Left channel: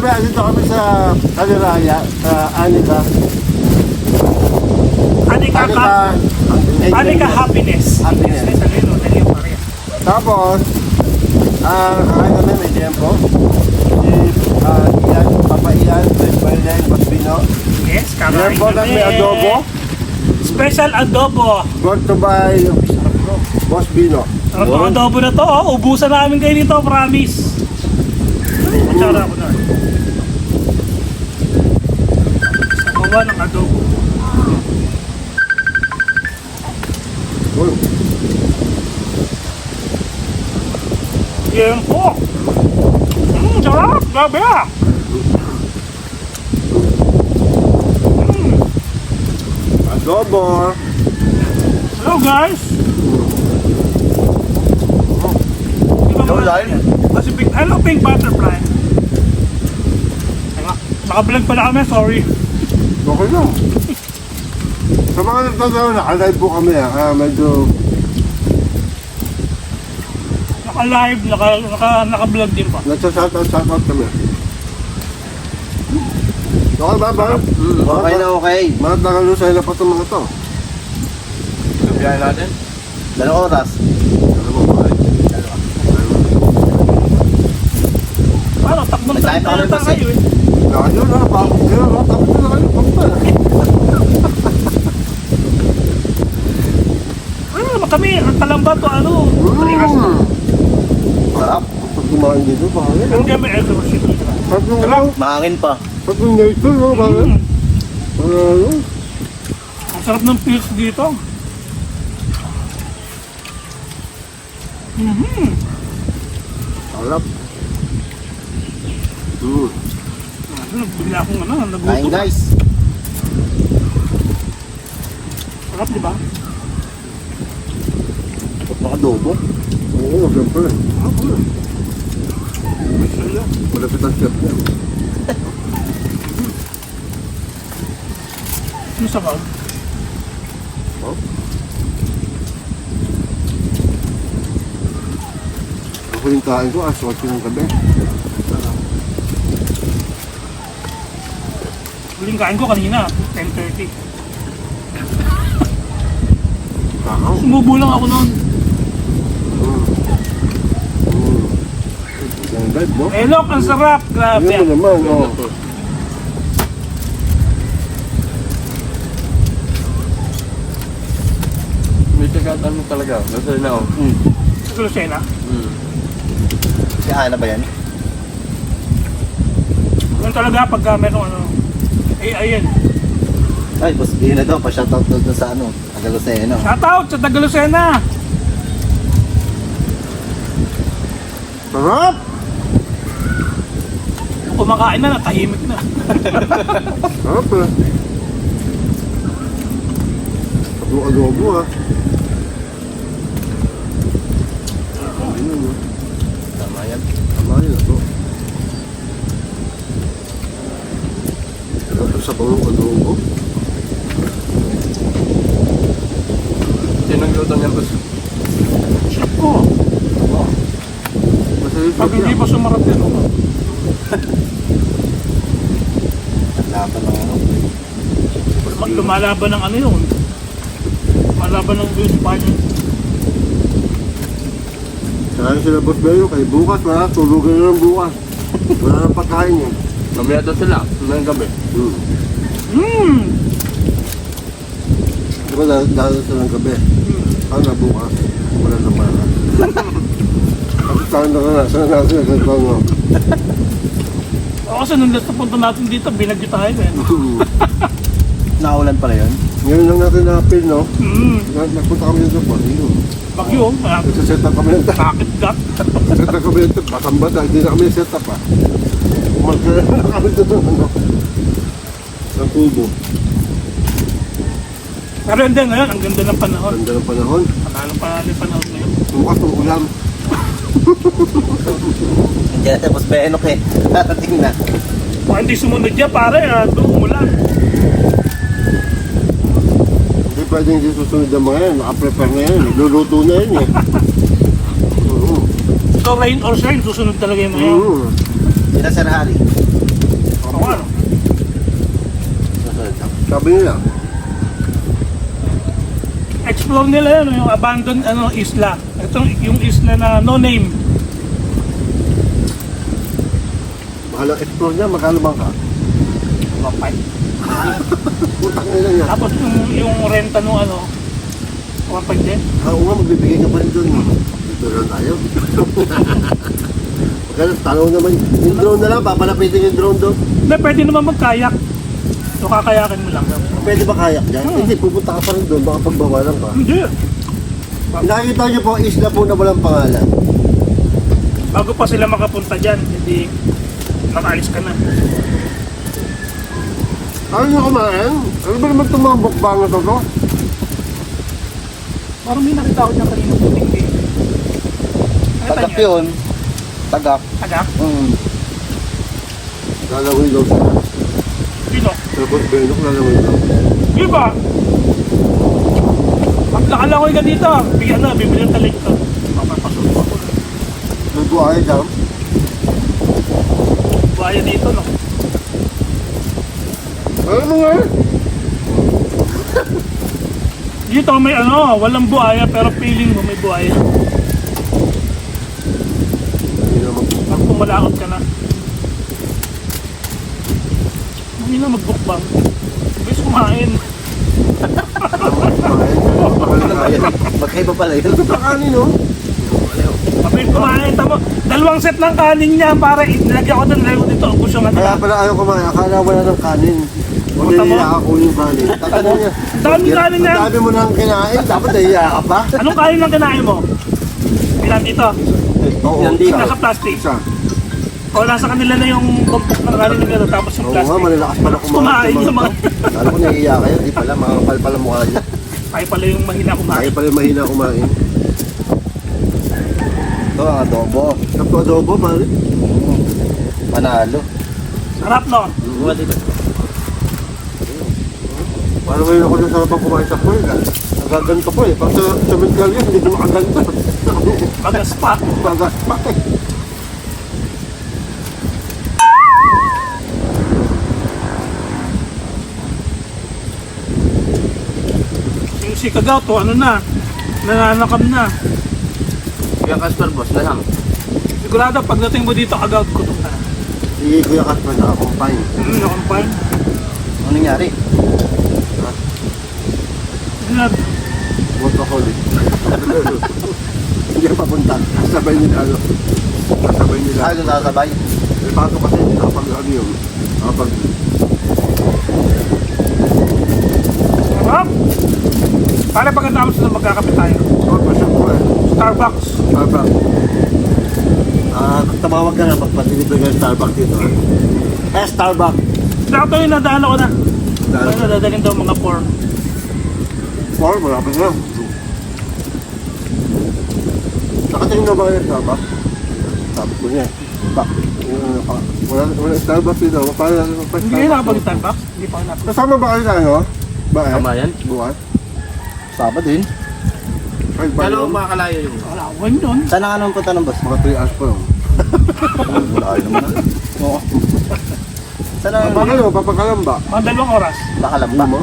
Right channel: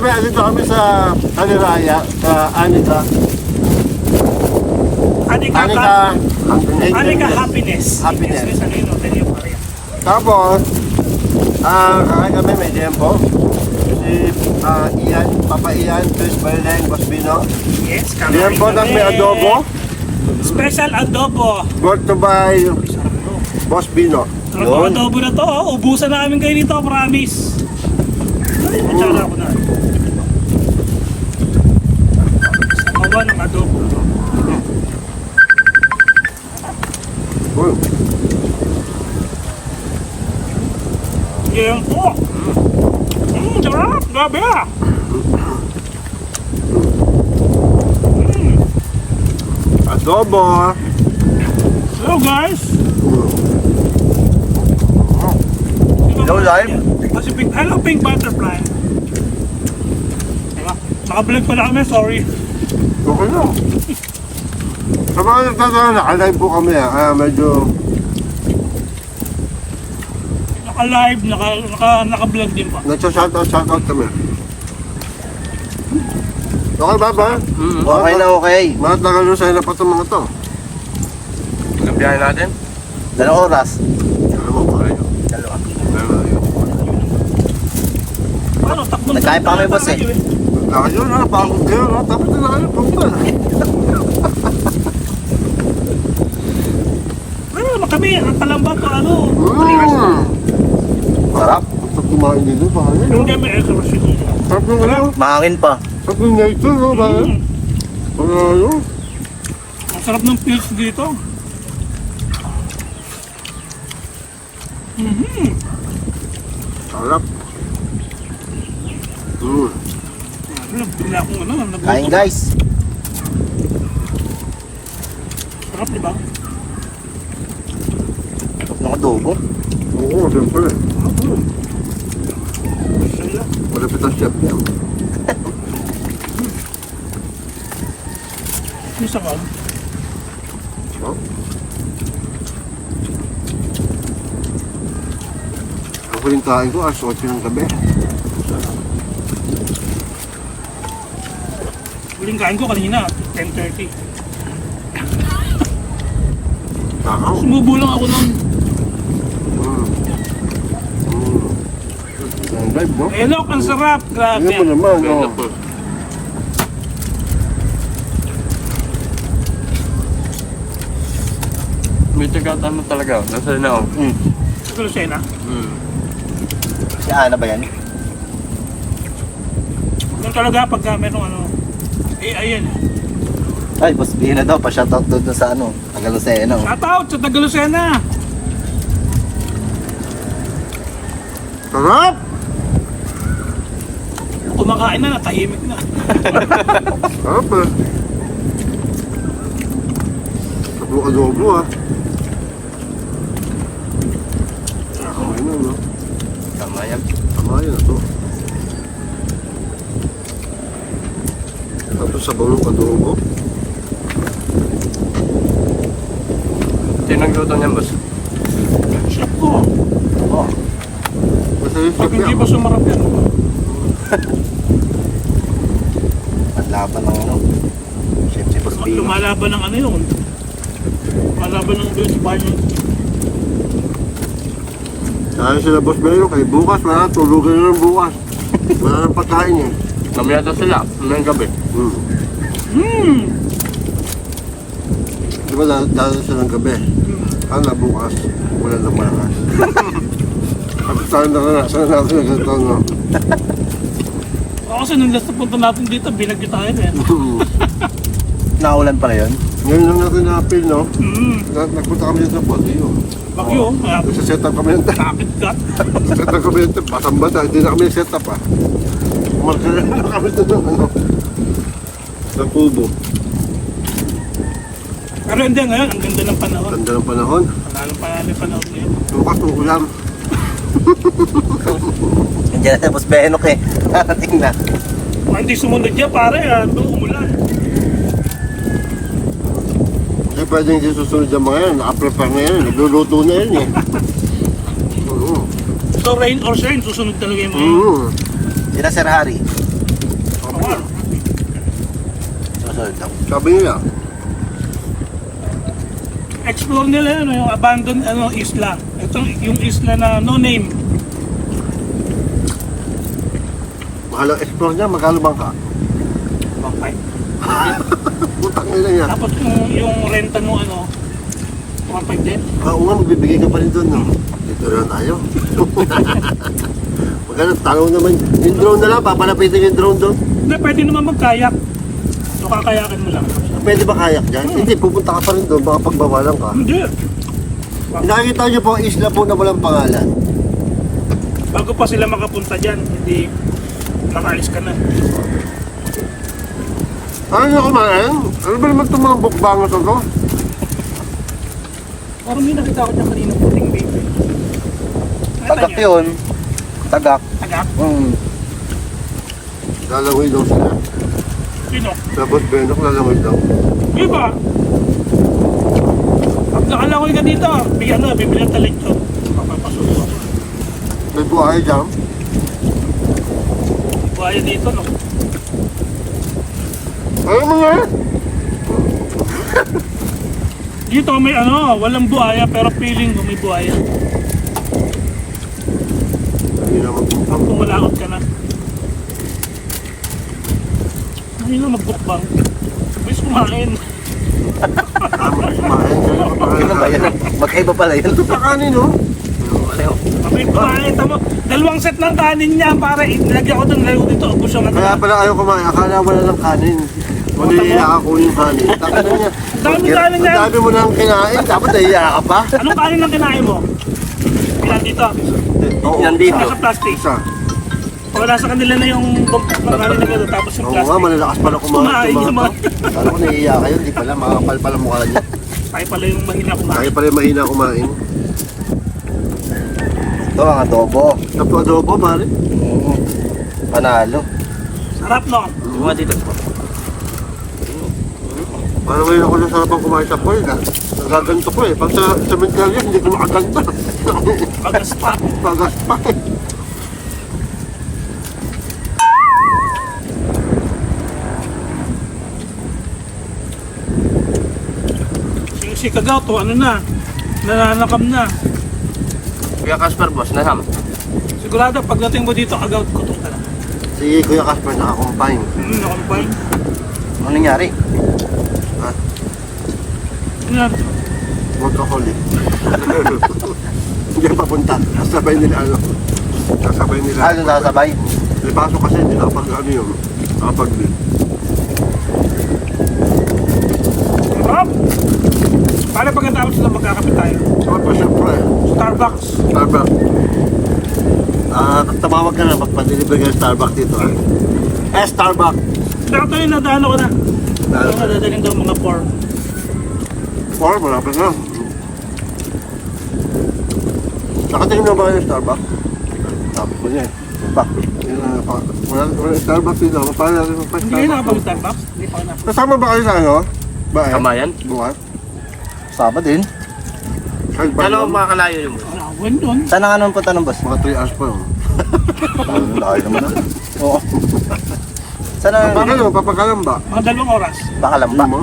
kami, andito kami sa Kaliraya, Anika. Anika happiness. Happiness. Tapos, Kakain kami, may tempo. Si Ian, Papa Ian, Chris Berleng, Boss Bino. yes, kakain Tempo na kami. may adobo. Special adobo. Brought to by Boss Bino. Sarap ng adobo na to, oh. Ubusan namin kayo nito, promise. Matsara ako na. Samawa ng adobo. Uy, Yan po. Sarap, grabe ah. adobo. Hello guys. Hello, live. Hello Pink Butterfly. Diba? Naka-vlog pala kami, sorry. Okay lang. Sa mga nagtatanong, naka-live po kami kaya medyo Naka-live, naka-vlog din pa. nagsa-shoutout kami. Okay ba ba? Okay na okay. Mga tagalusay na pa itong mga to. Ang biyahe natin? 2 oras. Ano mo ba? Paano? Takbong Nagkaya pa tayo kami kasi. kayo eh. Ayun na, pagod kayo, no? Tapos na kayo, punta. Ano kami, ang kalamba to ano? Sarap. Pag kumain dito, bakit? Ang kami exorcist. Sarap yung ano? Mahangin pa. Sarap yung nature, no? Bakit? Ano? Ang sarap ng pills dito. Sarap. Bigla akong ano, Kain nagutom. guys. Sarap, di ba? Nakadobo. Oo, siyempre. Masaya. Malapit ang chef niya. Yung sabaw. Oh. Ang huling kain ko, 8 ng gabi. Huling kain ko kanina, 10:30. Takaw. Sumubo lang ako noon. Ang live mo. Elok, ang sarap. Grabe. Tingnan mo naman, oh. May tagatan mo talaga. Nasa na ako. Sa Lucena. Si Ana ba yan? Ganun talaga pagka merong ano. Eh, ayun. Ay, boss Gina daw. Pa-shoutout doon sa ano. Agaluseno. Shout out sa taga Lucena. Sarap! Kumakain na, natahimik na. Sarap eh. Adobo ah. Ano no? Tama yan. Tama yun ito. Ito sa bawang adobo. Sinong luto niyan, boss? Chef ko. Masaya Pag siya. hindi pa sumarap yan. At laban ng ano. Siyempre, boss Gina. Lumalaban ng ano yun. Lumalaban ng Espanya. Saka sila Boss Belo, kay bukas wala, tulugan na lang bukas. Wala nang pagkain eh. Mamaya to sila. Ngayong gabi. Di ba dahil silang gabi? Ano bukas? Wala nang malakas. At tayo naranasan natin na ganito no. O kasi nung last na punta natin dito, binagyo tayo eh. Naulan pala yun. Ngayon lang natin na-appeal no. Mm. Nagpunta kami dito sa Baguio. Bagyo. Nagsaset up kami ng Sakit gat. set up kami ng basang-basa. Hindi na kami set up ah. Markira na kami dito ano. Sa kubo. Pero hindi ngayon, ang ganda ng panahon. Ganda ng panahon. Panalo pa ng panahon ngayon. Bukas ng ulam. Nandiyan na boss Benok eh. Tingnan. Kung hindi sumunod niya, pare, doon umulan. Hindi pwedeng hindi susunod yung mga yan. Naka-prepare na yan. Nagluluto na yan eh. So rain or shine, susunod talaga yung mga yun. Sila Sir Harry. Sabi nila, Explore nila yun, yung abandoned isla. Ito yung isla na no name. mahal ang explore niya, magkano bang ka? Mapay. Putang nila niya. Tapos yung renta nung 1.5 din. Oo nga, magbibigay ka pa rin doon. No? Dito na tayo. Magkano, tanong naman. Yung drone na lang, papalapitin yung drone doon. Hindi, pwede naman magkayak. So kakayakin mo lang. Pwede ba kayak dyan? Hindi, pupunta ka pa rin doon, baka pagbawalan ka. Hindi. Nakikita niyo po, isla po na walang pangalan. Bago pa sila makapunta dyan, hindi nakaalis ka na. Ano nyo kumain? Ano ba naman itong mga bukbangos ito? Parang may nakita ko dyan kanina puting baby. Nakita Tagak niyo? yun. Tagak. Tagak? Lalangoy daw sila. Sino? Tapos Benok, lalangoy daw. Di ba? Pag nakalangoy ka dito, bigyan na, bibili ng talig to. Papapasuso ako. May buhay dyan. Buhaya dito, no? Ano mo nga? Dito may walang buhaya pero feeling mo may buhaya. Hindi na mag-bukbang. Pag pumalakot ka na. Hindi na magbukbang. Ibig kumain. Kumain. Kaya mapakain. Magkaiba pala yun. Ito pa kanin, no? Ibig kumain. Tamo, 2 set ng kanin niya para nilagyan ko doon. Layo dito. Ubus yung Kaya pala ayaw kumain. Akala wala ng kanin. Wala Tama. naiya ako yung kanin. Takano niya. Ang daming kanin Ang niya. dami mo nang kinain. Dapat naiya ka pa. Anong kanin lang kinain mo? Ilan dito? Oo, Nandito. Nasa plastic. Isa. O nasa kanila na yung bumpok ng kanin na gano'n. Tapos yung Oo nga, plastic. malalakas pala kumain. Kumain yung mga. Alam ko naiiya kayo. Hindi pala. Makakapal pala mukha niya. Ay pala yung mahina kumain. Kaya pala mahina kumain. Ito ang adobo. Tapos adobo, mali. Panalo. Sarap no? Diba dito po? Parang ngayon ako nasarapan kumain sa pool. Nagaganto ko eh. Pag sa cemetery, hindi ko makaganto. Bagas pa. Bagas pa eh. Si Kagaw to, nananakam na. Kaya Casper, boss, naham. Sigurado pagdating mo dito, Kagaw, kutung ka na. Si Kuya Casper nakakumpine. Nakampay. Ano nangyari? Ganyan. Workaholic. Hindi papunta. Sabay nila ano. Kasabay nila. Ano sasabay? May pasok kasi hindi nakapag ano yun. Nakapag Sarap! Para pagkatapos na magkakapit tayo. Sarap pa siyempre. Starbucks. Starbucks. Tumawag ka na pagpa-deliver ka ng Starbucks dito. Starbucks. Dato yung nadaan ako na. Ay, nadadaling daw mga 4. Malapit na. Nakatingin mo ba kayo ng Starbucks? Sabi ko niya eh. Wala Starbucks dito. Hindi nakapag-Starbucks. Hindi pa ako napag. Kasama ba kayo sa ano? Ba eh? Kamayan? Bukas? Saba din. Kahit ba Ano yun? makakalayo yun? Wala, wala doon. Saan ang anong punta ng boss? Mga 3 hours pa yun. Wala kayo naman. Oo. Saan ang Papakalam ba? Mga 2 oras. baka Ano lamba? mo?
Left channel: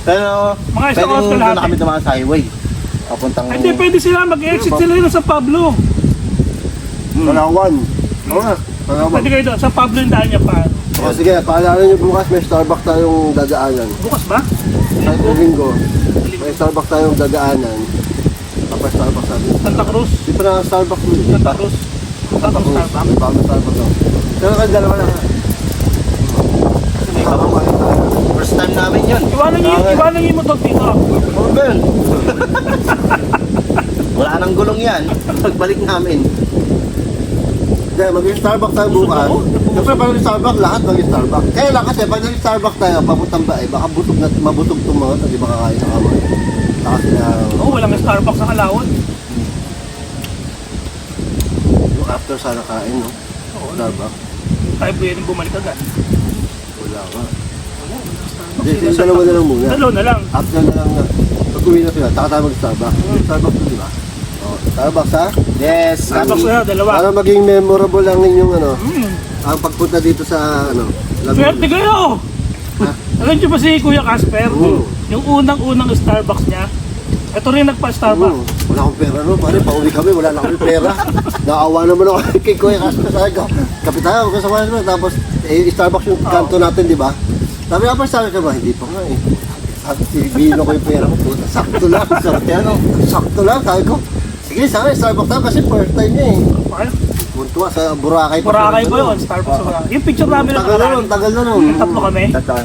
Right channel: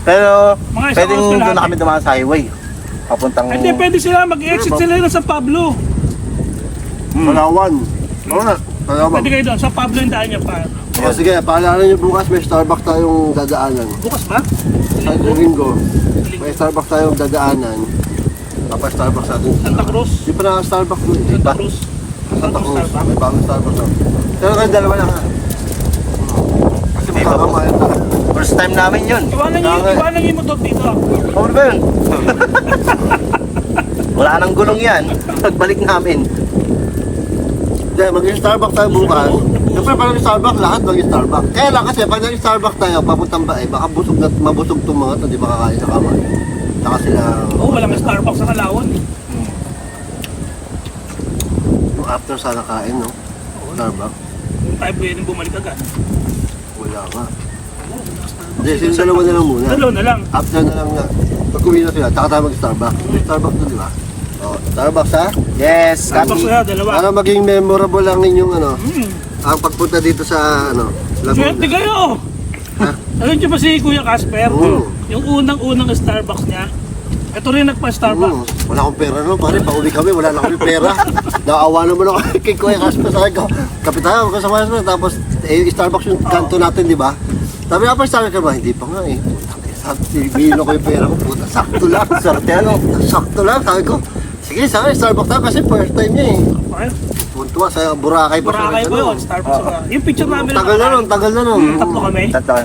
Pero Mga isang pwedeng oras doon lahat na kami dumaan sa highway. Papuntang... Ay, hindi, pwede sila mag-exit sila yun sa Pablo. Palawan. Oo nga. Palawan. Pwede kayo doon. Sa Pablo yung daan niya pa. O sige, paalala niyo bukas may Starbucks tayong dadaanan. Bukas ba? Sa linggo, may Starbucks tayong dadaanan. Tapos Starbucks natin. Santa Cruz. Di pa na Starbucks mo eh. Santa Cruz. Santa Cruz. Starbucks. May bagong Starbucks daw. Pero kayo dalawa lang ha. Kasi makakamayan tayo. First time namin yun. Iwanan niyo yung motor dito. Oo ba yun? Wala nang gulong yan. Pagbalik namin. Hindi, mag-Starbucks tayo bukas. Siyempre pag nag-Starbucks, lahat mag-Starbucks. Kaya lang kasi pag nag-Starbucks tayo, papuntang ba eh, baka mabusog itong mga ito, di ba kakain sa kamay. Saka sila, Oo, walang Starbucks sa Kalawon. yung after sana kain, no? Oo, Starbucks. hindi tayo pwedeng bumalik agad. Wala nga. Wala Starbucks. Hindi, yung dalawa na lang muna. Dalawa na lang. After na lang na, pag uwi na sila, saka tayo mag-Starbucks. May Starbucks doon, di ba? Oh, Starbucks ha? Yes. Starbucks na, dalawa. Para maging memorable ang inyong ano, Hmm. ang pagpunta dito sa ano, Swerte Laguna. kayo! Ha? Alam niyo ba si Kuya Casper? Oo. Yung unang-unang Starbucks niya, ito rin nagpa-Starbucks. Wala akong pera no, pare, pauwi kami, wala na kami pera. Naawa naman ako kay Kuya Casper, sabi ko, kapitan, huwag ka sa Casper. Tapos, Starbucks yung kanto natin, di ba? Sabi nga pa, sabi ka ba, hindi pa nga eh. Bino ko yung pera ko, puta, sakto lang. Sakto lang, sabi ko. Sige, sabi, Starbucks na kasi first time niya eh. Ay, Puntua sa Boracay pa. Boracay siya po nagtanong. yun, Starbucks sa Yung picture namin Tagal na nun, tagal na nun. Tatlo kami. Tata.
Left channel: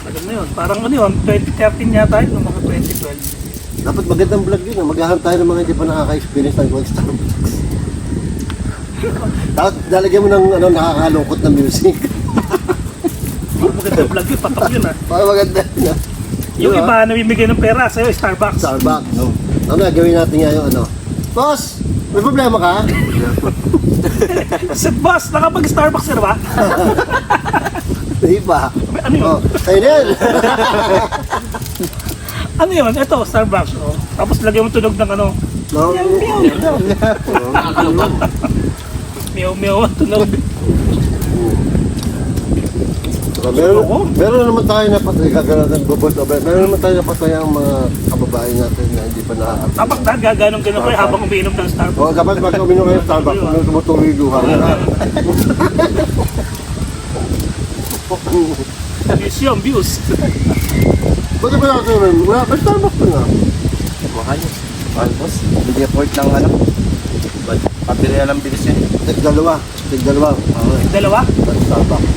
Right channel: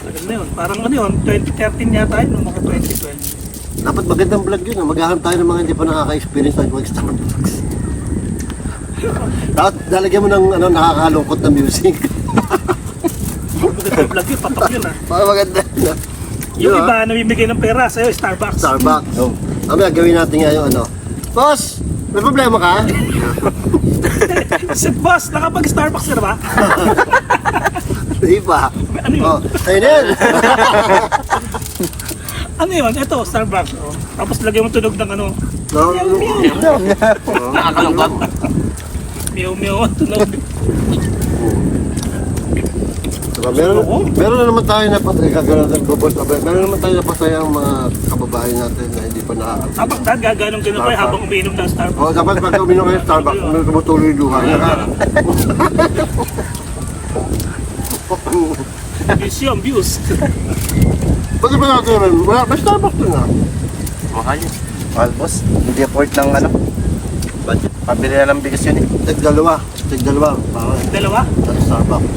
Tagal na yun. Parang ano yun, 2013 yata yun, mga 2012. Dapat magandang vlog yun. Maghahanap tayo ng mga hindi pa nakaka-experience ng mag-Starbucks. Tapos lalagyan mo ng ano, nakakalungkot na music. Magandang vlog yun, patok yun ah. Para maganda na. Yung iba, namimigay ng pera sa'yo, Starbucks. Starbucks. Oh. Mamaya gawin natin nga yung ano. Boss! May problema ka? Kasi boss, nakapag-Starbucks ka na ba? Hindi pa. Ano yun? Oh, ayun na yan. Ano yun? Ito, Starbucks. Oh. Tapos lagyan mo tunog ng ano, No, meow-meow ang tunog. Saka meron na naman tayo na patay, gagawin natin bubos. Meron naman tayo na patay ang mga kababae natin na hindi pa nakakapit. Tapos gaganong-ganon kayo habang umiinom ng Starbucks. O, kapag pagka uminom kayo ng Starbucks, tumutuloy yung luha niya. Museum views. Bakit ba natin naman? Wala, may Starbucks pa na. Mahal yun. Mahal boss. Hindi afford ng ano. Pabili na ng bilis yun eh. Tig-dalawa. Dalawa? At Starbucks.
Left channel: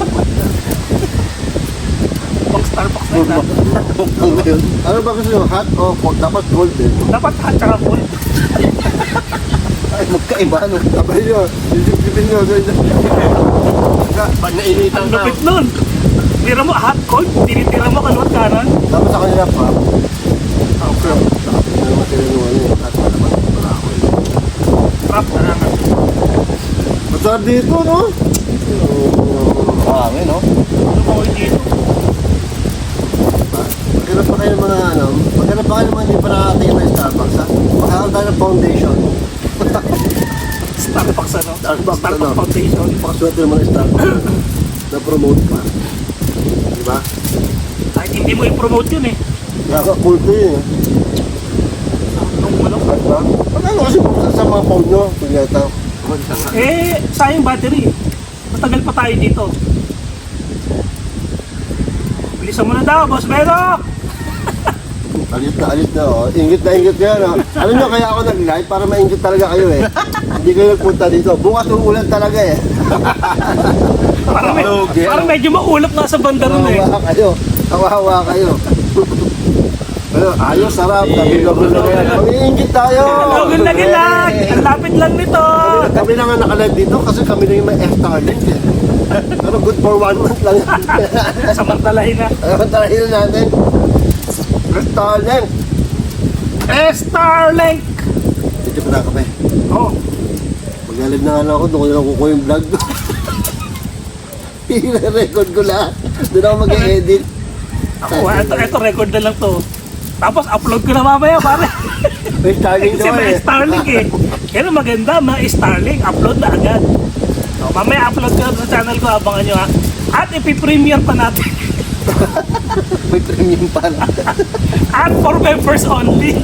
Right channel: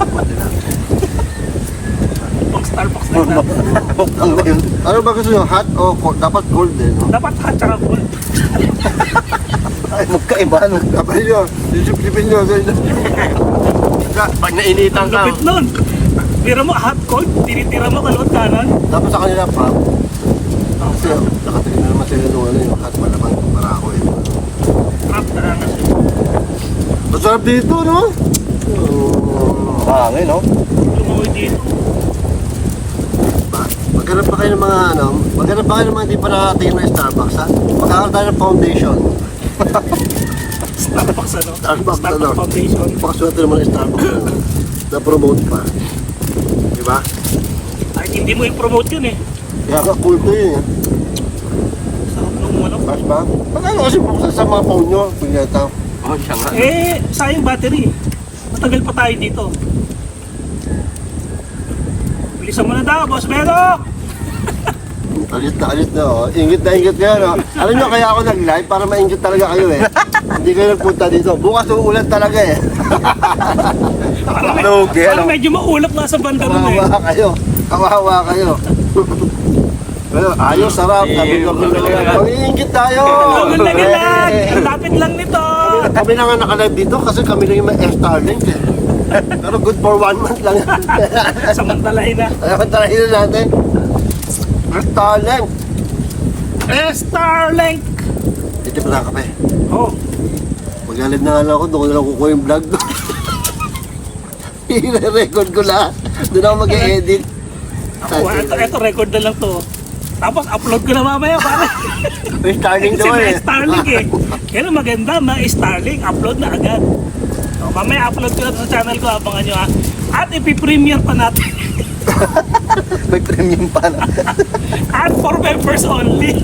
Ubod nila. Pang Starbucks na yun. Ano ba gusto nyo? Hot o cold? Dapat cold eh. No? Dapat hot tsaka cold. Ay, magkaiba ano. Tapos nyo, sisip-sipin nyo. Pag nainitan Ang ka, lupit nun. Tira mo hot cold, tinitira mo kaluwat kanan. Dapat sa kanila pa. Kasi nakapigil na naman sila nung ano yung hot malamang barako eh. Trap na lang natin. Masarap dito, no? Hangin no. Lumawi dito. Maghanap pa kayo ng mga ano, maghanap pa kayo ng mga hindi pa nakakatingin ng Starbucks, ha? Magkakaroon tayo ng foundation. Starbucks ano? Starbucks, ano? Starbucks Foundation. Pakasulat naman ng Starbucks na-promote pa. Di ba? Kahit hindi mo i-promote yun eh. Kaya ka cool to yun, eh. Nung ano. Cash ba? Pag ano kasi buksan sa mga phone nyo, punyeta. oh, siya nga. Eh, sayang battery. Matagal pa tayo dito. Bilisan mo na daw, Boss Beno! Alit na, oh. Ingit kayo, no? Alam nyo, kaya ako nag-live para maingit talaga kayo, eh. Hindi kayo nagpunta dito. Bukas uulan talaga, eh. Parang medyo maulap nga sa banda ron eh. Kawawa kayo. Pero ayos, sarap. Gabi-gabi lang yan. Mag-iingit tayo. Logol na gilag! Ang lapit lang nito! Kami na nga naka-live dito kasi kami lang yung may Starlink, eh. Pero good for 1 month lang yan. Samantalahin na. Ayaw talahin na natin. Starlink. Starlink! Dito pa na kape. Oh, Mag-live na nga lang ako, doon ko na lang kukuha yung vlog. I-record ko lahat. Doon ako mag-edit. ako, ito record na lang to. Tapos upload ko na mamaya, pare. May Starlink Kasi naman, may eh. Starlink eh. Pero maganda, may Starlink, upload na agad. So, mamaya upload ko na sa channel ko, abangan nyo ha. At ipipremiere pa natin. May premium pa na. At for members only.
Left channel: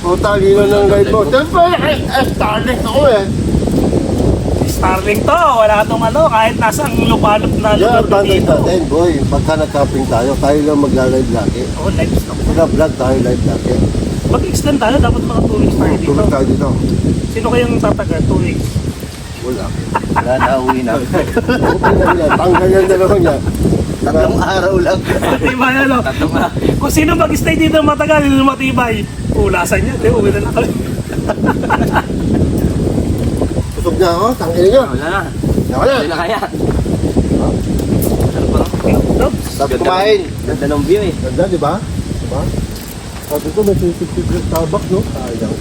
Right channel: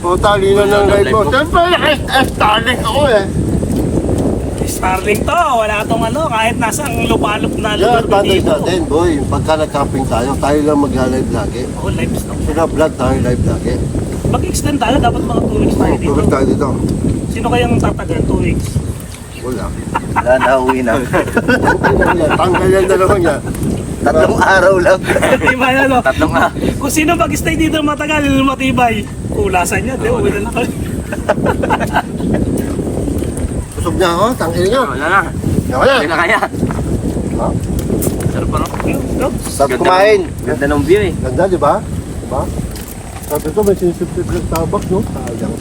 O, talino ng live mo. Siyempre, Starlink ako, eh. Starlink to, wala tong ano, kahit nasang lupalop na Yan, lugar na advantage dito. natin, boy. Pagka nag-camping tayo lang mag-live lagi. Oh, live stock. Pagka vlog tayo, live lagi. Mag-extend tayo, dapat mga 2 weeks tayo dito. Tulog tayo dito. Sino kayang tatagal? 2 weeks. Wala. Wala na, uwi na. Okay na yan. Tanggal yan dalawa niya. 3 araw lang. Matibay ano? Tatlong nga. Kung sino mag-stay dito matagal, matibay. Ulasan niya, di, uwi na lang kami. Kusog niya ako, tangin niyo. Wala na. Wala. Wala kaya. Sarap pa. Sarap kumain. Ganda ng view eh. Ganda, di ba? Di ba? Sabi ko, may sinisip-sip ng Starbucks, no? Sayang.